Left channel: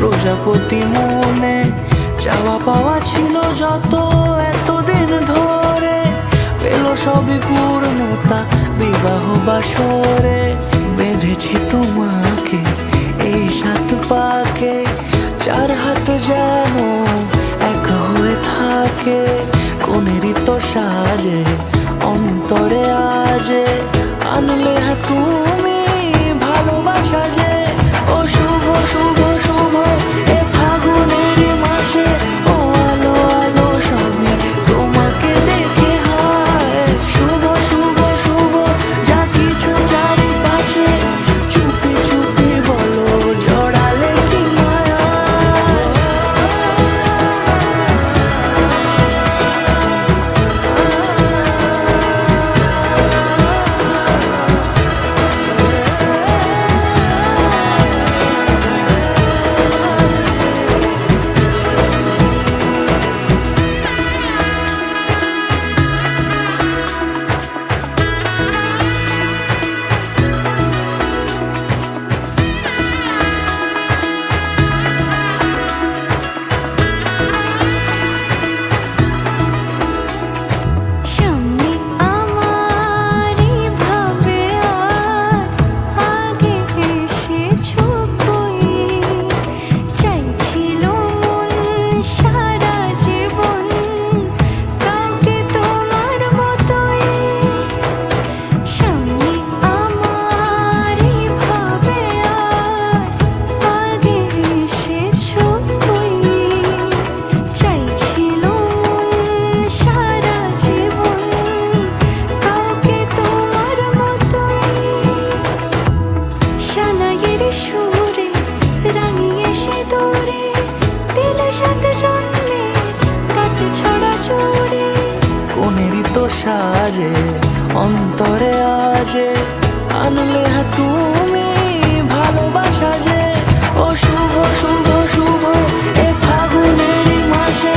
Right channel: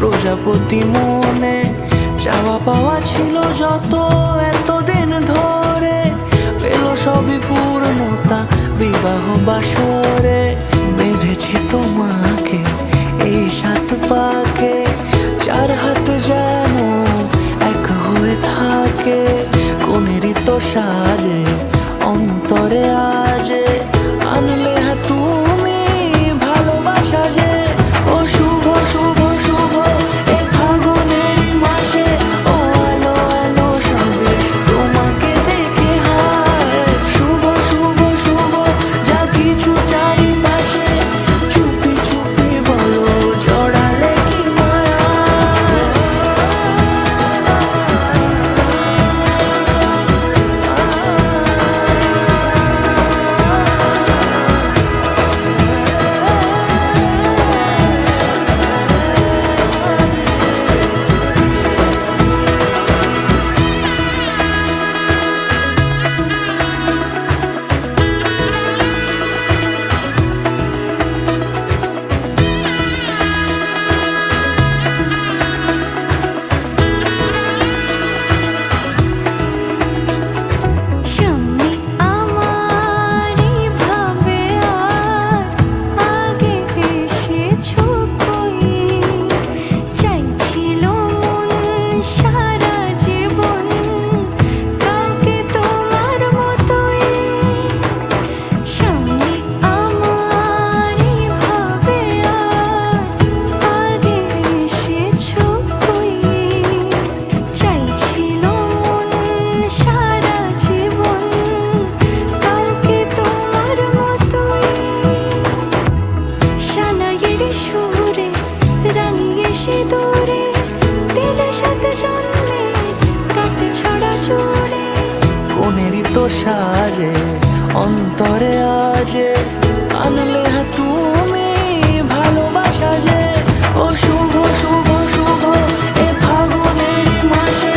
প্রজাপতি মনে চাওয়া পাওয়া ছিল যত এতদিন ধরে, পেল সবই পূর্ণতা বিবাহ বাসরে। বেঁধেছি তোমাকে এই 7 পাকে, 4 হাত যেন এক হয়ে থাকে। কোনেরই তো সাজে অন্তরে আজে, আনলে তুমি ভালোবাসা যে। ও শুভ শুভ শুভ এ ফাগুনেরই মাসে, ও আলো আলো সবই তোমাকে দেখে হায়। শুভ শুভ শুভ যা কিছু চারিপাশে, চুপি চুপি বলো জড়ালে কি মায়া। সুরে রাঙিয়ে সে দূরে দিলে 7 জন্মের কাট ছড়া জোড়ে। কোনেরই তো সাজে অন্তরে আজে, আনলে তুমি ভালোবাসা যে। ও শুভ শুভ শুভ এ ফাগুনেরই মাসে,